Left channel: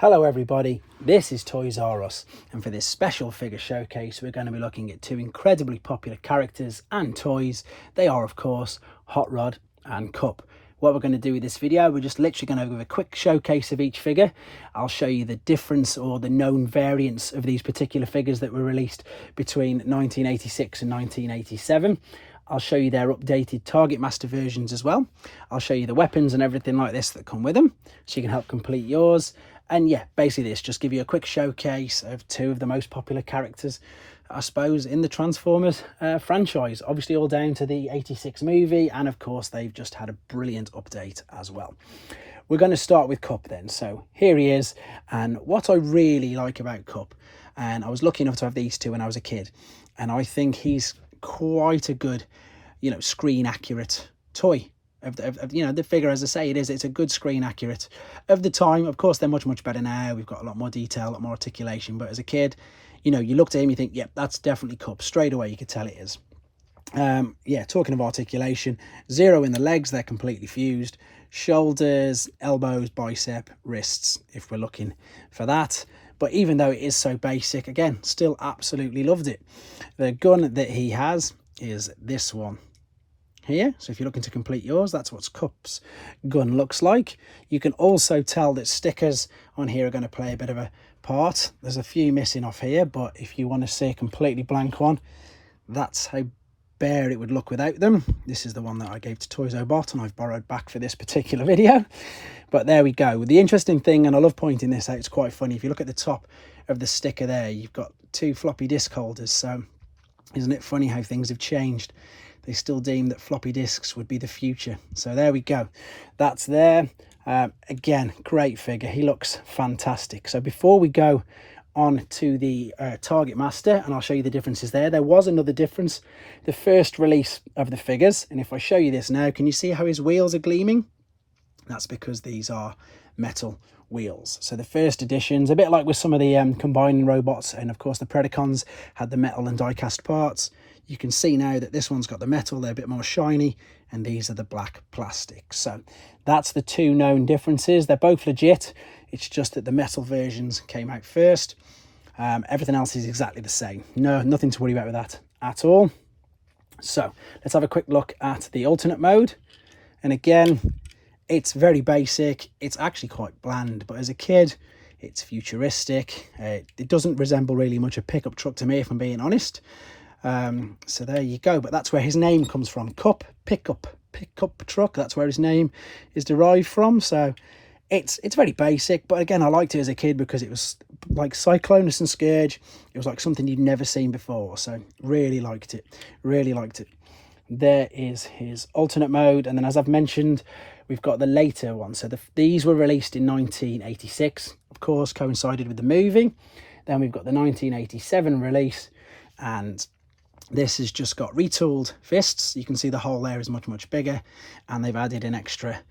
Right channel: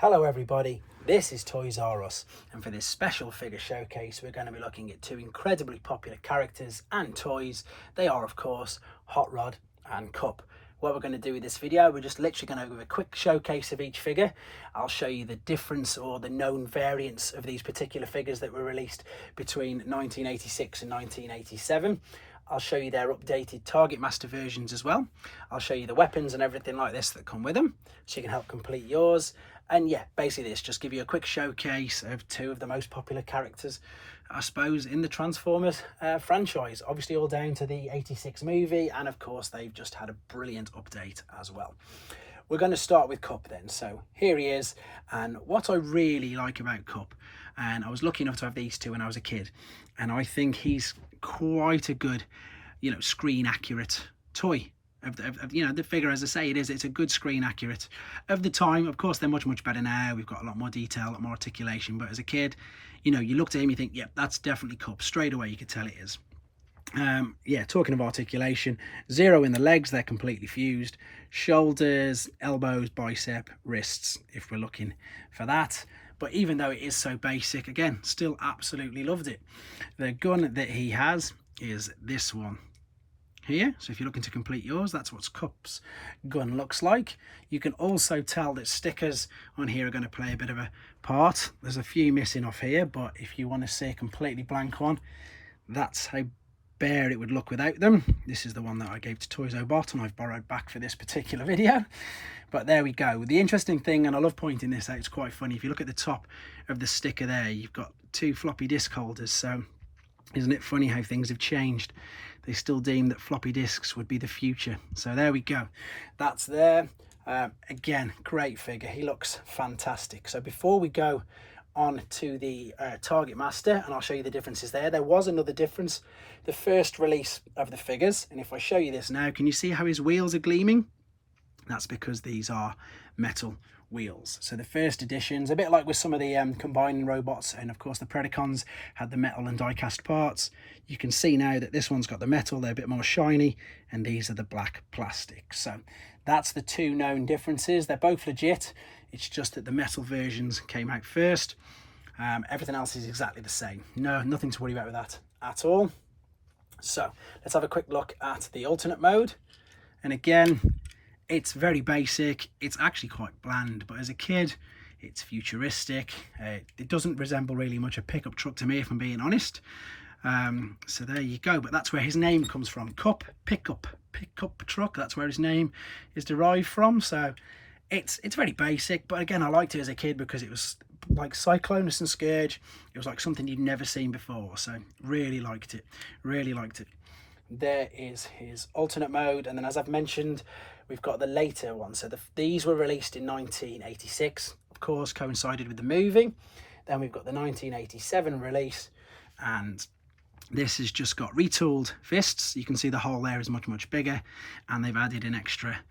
Hello everybody, this is Toys R Us, and for this special figure showcase we're going to be looking at two incredibly popular characters and toys. They are of course Hotrod and Kup. What we're going to do with this video, we're just literally going to give a quick showcase of each figure. I'll show you the difference or the known variants of these particular figures that were released between 1986 and 1987. I'll show you their updated targetmaster versions as well. I'll show you the weapons and everything like this that come with them, so you can help complete yours. And yeah, basically this, just give you a quick showcase of two of the most popular characters, I suppose, in the Transformers franchise. Obviously all down to the 86 movie, and of course they've just had a brilliant update as well. We're going to start with Kup then. So here he is, and what I really like about Kup, and I was lucky enough to have these two when I was a kid, and I think he's quite a good, screen accurate toy. Of the figure, as I say, it's a good screen accurate of the time. Of course they're much better now. We've got a lot more detail, a lot more articulation, but as a kid, you looked at him, you think, yep, that's definitely Kup. Straight away you could tell it is. Yeah, talking of articulation, 0 in the legs, they're completely fused. Shoulders, elbows, bicep, wrists, if we're looking for that. But even though it is so basic, again, still absolutely loved it. The gun that he has is this one here. So if you're looking to complete yours, that's what Kup's gun looks like. You can also tell that stickers on here are going to play a bit of a part. There's a few missing off here, but if you want to see a completely blank one, that's how bare it would look without them. This is the one that I gave to Toys R Bot and I've borrowed back for this particular video. But there we go. The interesting thing, and I love pointing this out, it's quite funny, if you look at the top of the sticker there, you've got 2 floppy disk holders. So isn't it funny how things have changed? They still deem that floppy disks would be the future. So there we go. That's there. Again, great figure. He looks fantastic. So before we go on to the Target Master, and I'll show you the differences there was another difference. The first release of the figures, and if I show you this now, can you see how his wheels are gleaming? That's because these are metal wheels. So the first editions, a bit like with some of the combining robots, and of course the Predacons had the metal and die-cast parts. You can see now that this one's got the metal, they're a bit more shiny, and these are the black plastic. So that's the two known differences. They're both legit, it's just that the metal versions came out first. Everything else is exactly the same. Nothing to worry about with that at all. So let's have a quick look at the alternate mode. And again, it's very basic. It's actually quite bland, but as a kid, it's futuristic. It doesn't resemble really much a pickup truck to me, if I'm being honest. So there you go. But that's where his name comes from. Kup, pickup truck. That's where his name is derived from. So it's very basic. But again, I liked it as a kid because it was like Cyclonus and Scourge. It was like something you'd never seen before. So really liked it. Really liked it. There is his alternate mode. And then, as I've mentioned, we've got the later one. So these were released in 1986, of course, coincided with the movie. Then we've got the 1987 release, and this has just got retooled fists. You can see the hole there is much bigger, and they've added an extra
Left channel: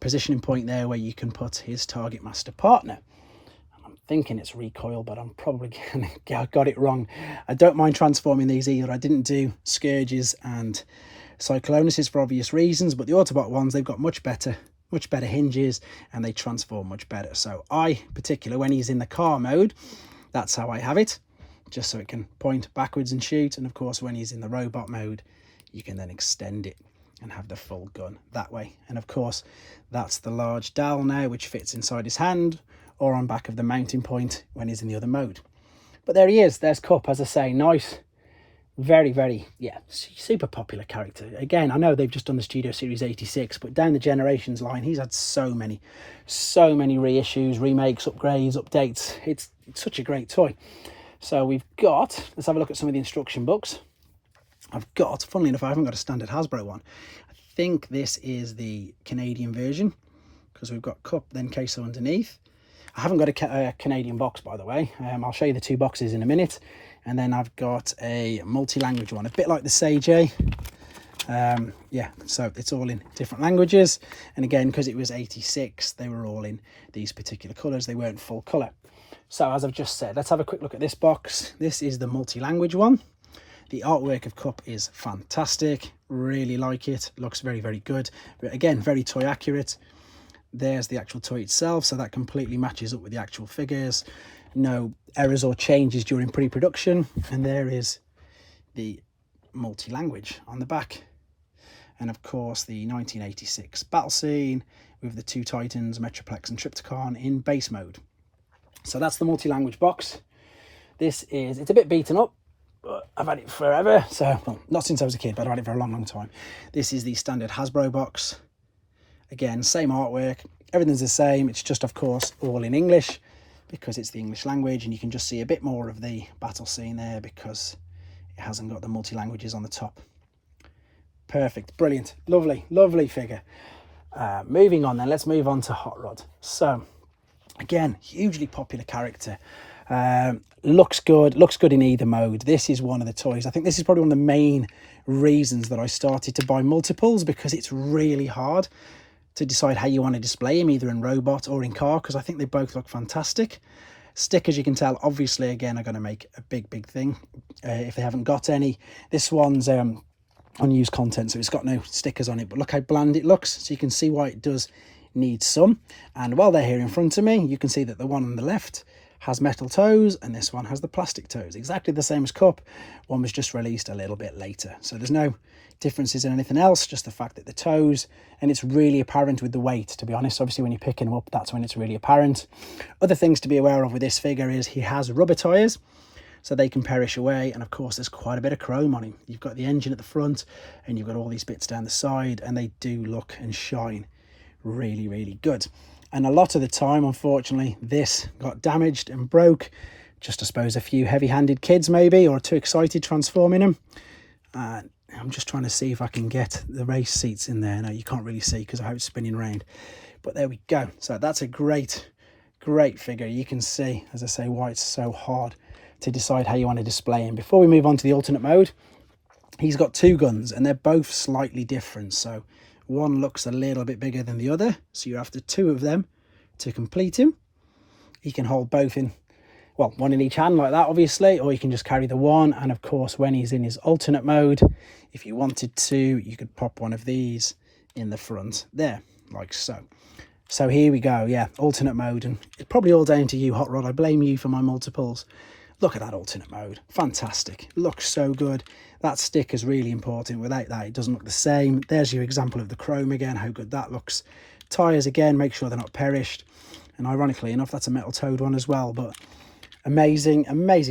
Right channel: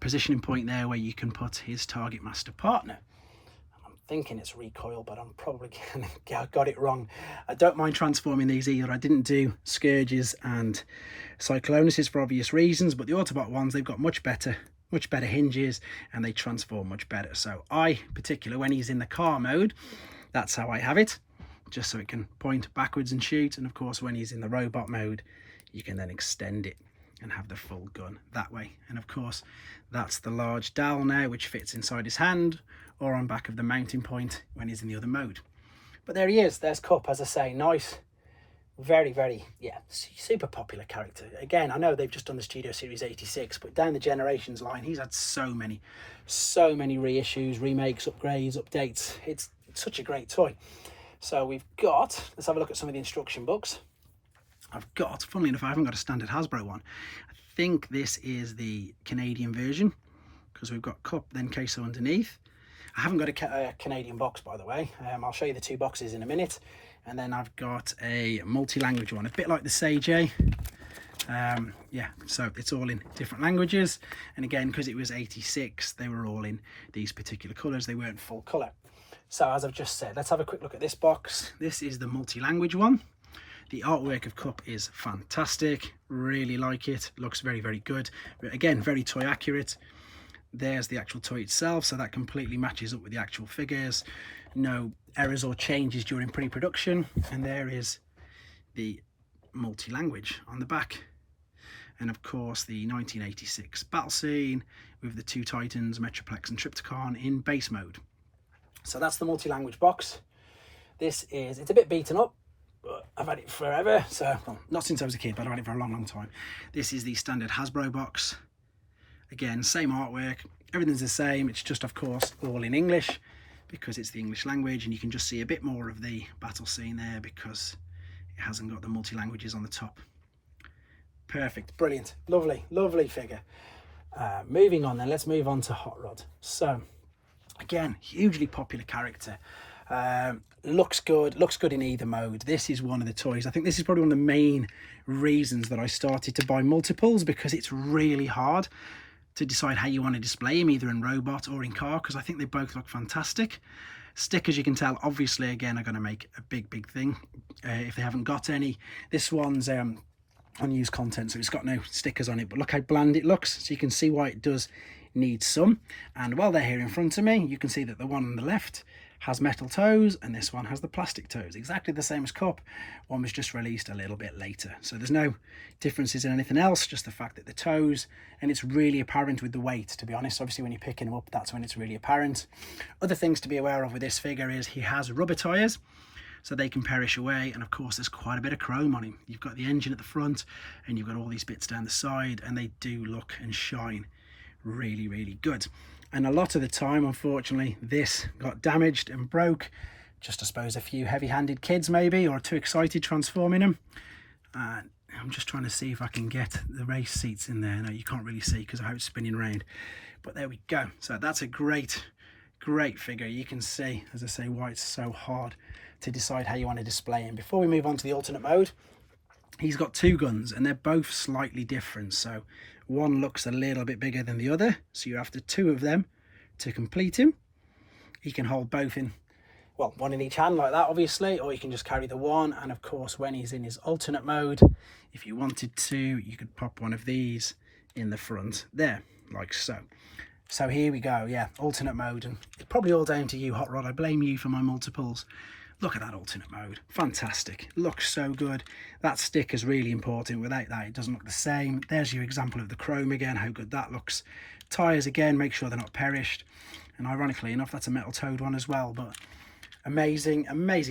positioning point there where you can put his Target Master partner. I'm thinking it's recoil, but I'm probably got it wrong. I don't mind transforming these either. I didn't do Scourges and Cyclonuses for obvious reasons, but the Autobot ones, they've got much better hinges, and they transform much better. So I, particular, when he's in the car mode, that's how I have it, just so it can point backwards and shoot. And of course, when he's in the robot mode, you can then extend it and have the full gun that way. And of course, that's the large dowel now, which fits inside his hand or on back of the mounting point when he's in the other mode. But there he is. There's Kup, as I say. Nice. Very, yeah, super popular character. Again, I know they've just done the Studio Series 86, but down the Generations line, he's had so many reissues, remakes, upgrades, updates. It's such a great toy. So we've got, let's have a look at some of the instruction books. I've got, funnily enough, I haven't got a standard Hasbro one. I think this is the Canadian version, because we've got Kup, then Queso underneath. I haven't got a Canadian box, by the way. I'll show you the 2 boxes in a minute. And then I've got a multi-language one, a bit like the Sage A. Yeah, so it's all in different languages. And again, because it was 86, they were all in these particular colours. They weren't full colour. So as I've just said, let's have a quick look at this box. This is the multi-language one. The artwork of Kup is fantastic. Really like it. Looks very good. But again, very toy accurate. There's the actual toy itself, so that completely matches up with the actual figures. No errors or changes during pre-production. And there is the multi-language on the back. And of course the 1986 battle scene with the two Titans, Metroplex and Trypticon, in base mode. So that's the multi-language box. It's a bit beaten up, but I've had it forever. So, well, not since I was a kid, but I've had it for a long time. This is the standard Hasbro box. Again, same artwork, everything's the same. It's just, of course, all in English because it's the English language, and you can just see a bit more of the battle scene there because it hasn't got the multi-languages on the top. Perfect, brilliant, lovely, lovely figure. Moving on then, let's move on to Hot Rod. So, again, hugely popular character. Looks good in either mode. This is one of the toys. I think this is probably one of the main reasons that I started to buy multiples, because it's really hard to decide how you want to display him, either in robot or in car, because I think they both look fantastic. Stickers, you can tell, obviously, again, are going to make a big thing if they haven't got any. This one's unused content, so it's got no stickers on it, but look how bland it looks, so you can see why it does need some. And while they're here in front of me, you can see that the one on the left has metal toes and this one has the plastic toes, exactly the same as Kup. One was just released a little bit later, so there's no differences in anything else, just the fact that the toes, and it's really apparent with the weight, to be honest. Obviously when you're picking them up, that's when it's really apparent. Other things to be aware of with this figure is he has rubber tires, so they can perish away, and of course there's quite a bit of chrome on him. You've got the engine at the front and you've got all these bits down the side, and they do look and shine really good. And a lot of the time, unfortunately, this got damaged and broke. Just, I suppose, a few heavy-handed kids maybe, or too excited transforming them. I'm just trying to see if I can get the race seats in there. No, you can't really see because I have it spinning around, but there we go. So that's a great figure. You can see, as I say, why it's so hard to decide how you want to display him. Before we move on to the alternate mode, he's got two guns and they're both slightly different. So one looks a little bit bigger than the other, so you're after two of them to complete him. He can hold both in, well, one in each hand like that, obviously, or you can just carry the one. And of course, when he's in his alternate mode, if you wanted to, you could pop one of these in the front there, like so. So here we go, yeah, alternate mode, and it's probably all down to you, Hot Rod. I blame you for my multiples. Look at that alternate mode, fantastic, looks so good. That sticker's really important. Without that, it doesn't look the same. There's your example of the chrome again, how good that looks. Tires again, make sure they're not perished. And ironically enough, that's a metal toed one as well, but amazing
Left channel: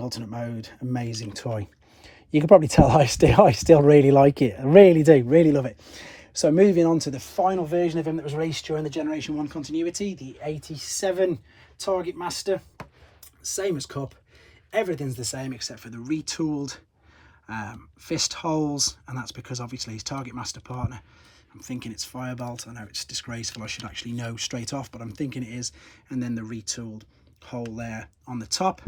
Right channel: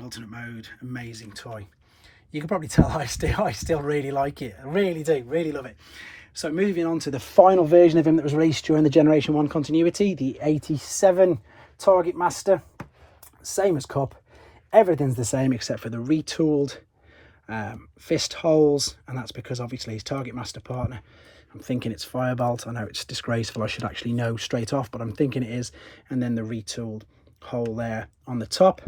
alternate mode, amazing toy. You can probably tell I still really like it. I really do, really love it. So moving on to the final version of him that was released during the Generation 1 continuity, the 87 Target Master. Same as Kup. Everything's the same except for the retooled fist holes, and that's because obviously his Target Master partner, I'm thinking it's Firebolt. I know it's disgraceful, I should actually know straight off, but I'm thinking it is. And then the retooled hole there on the top.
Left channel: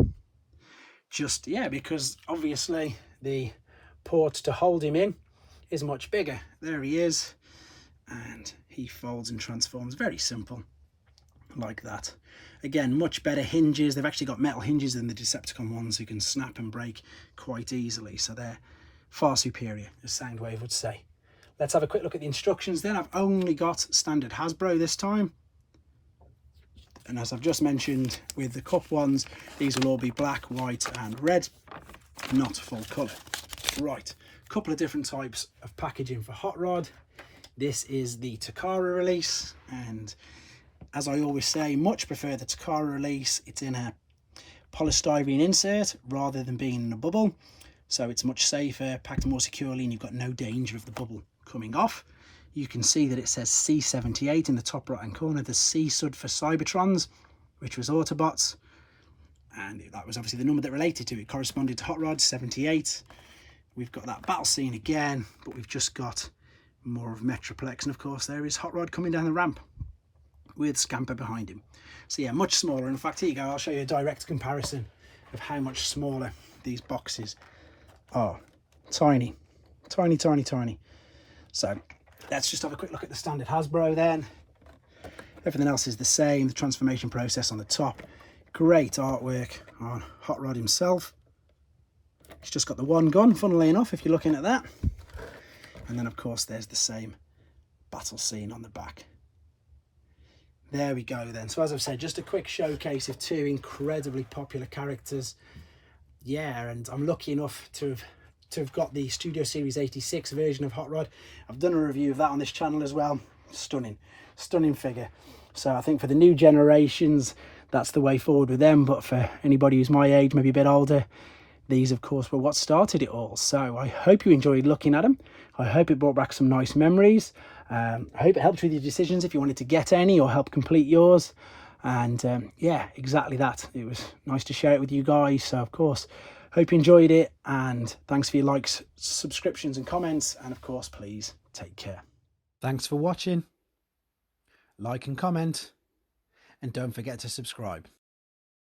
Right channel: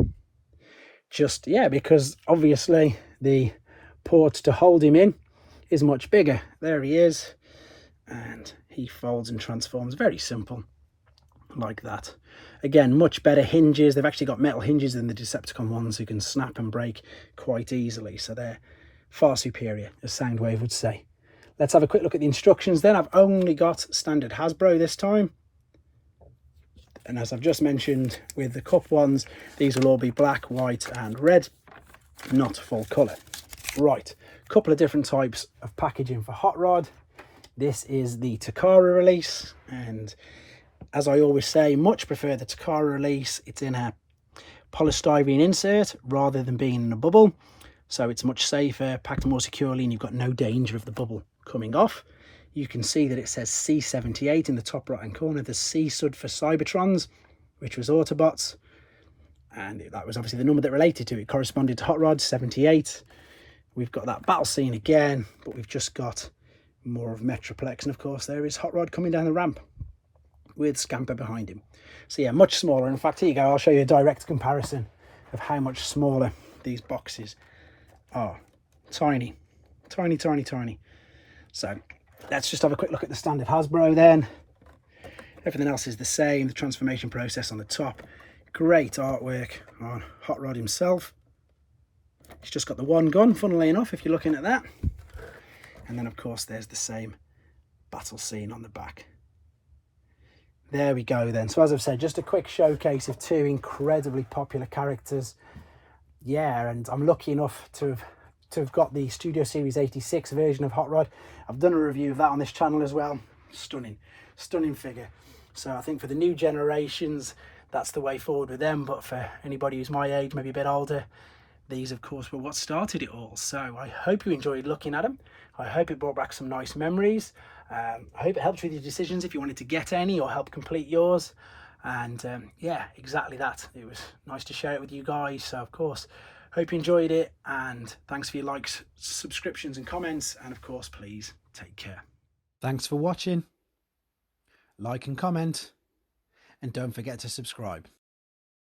Just, yeah, because obviously the port to hold him in is much bigger. There he is, and he folds and transforms, very simple, like that. Again, much better hinges. They've actually got metal hinges than the Decepticon ones, who can snap and break quite easily, so they're far superior, as Soundwave would say. Let's have a quick look at the instructions then. I've only got standard Hasbro this time, and as I've just mentioned with the Kup ones, these will all be black, white and red, not full colour. Right, a couple of different types of packaging for Hot Rod. This is the Takara Release, and as I always say, much prefer the Takara Release. It's in a polystyrene insert rather than being in a bubble, so it's much safer, packed more securely, and you've got no danger of the bubble coming off. You can see that it says C78 in the top right hand corner. The C stood for Cybertrons, which was Autobots, and that was obviously the number that related to it, corresponded to Hot Rod 78. We've got that battle scene again, but we've just got more of Metroplex, and of course there is Hot Rod coming down the ramp with Scamper behind him. So yeah, much smaller. In fact, here you go, I'll show you a direct comparison of how much smaller these boxes are. Tiny. So let's just have a quick look at the standard Hasbro then. Everything else is the same. The transformation process on the top. Great artwork on Hot Rod himself. He's just got the one gun, funnily enough, if you're looking at that. And then of course there's the same battle scene on the back. There we go then. So as I've said, just a quick showcase of two incredibly popular characters. Yeah, and I'm lucky enough to have got the Studio Series 86 version of Hot Rod. I've done a review of that on this channel as well. Stunning figure. So I think for the new generations, that's the way forward with them. But for anybody who's my age, maybe a bit older, these of course were what started it all. So I hope you enjoyed looking at them. I hope it brought back some nice memories. I hope it helped with your decisions if you wanted to get any or help complete yours. And yeah, exactly that. It was nice to share it with you guys. So of course, hope you enjoyed it, and thanks for your likes, subscriptions and comments, and of course please take care. Thanks for watching. Like and comment, and don't forget to subscribe.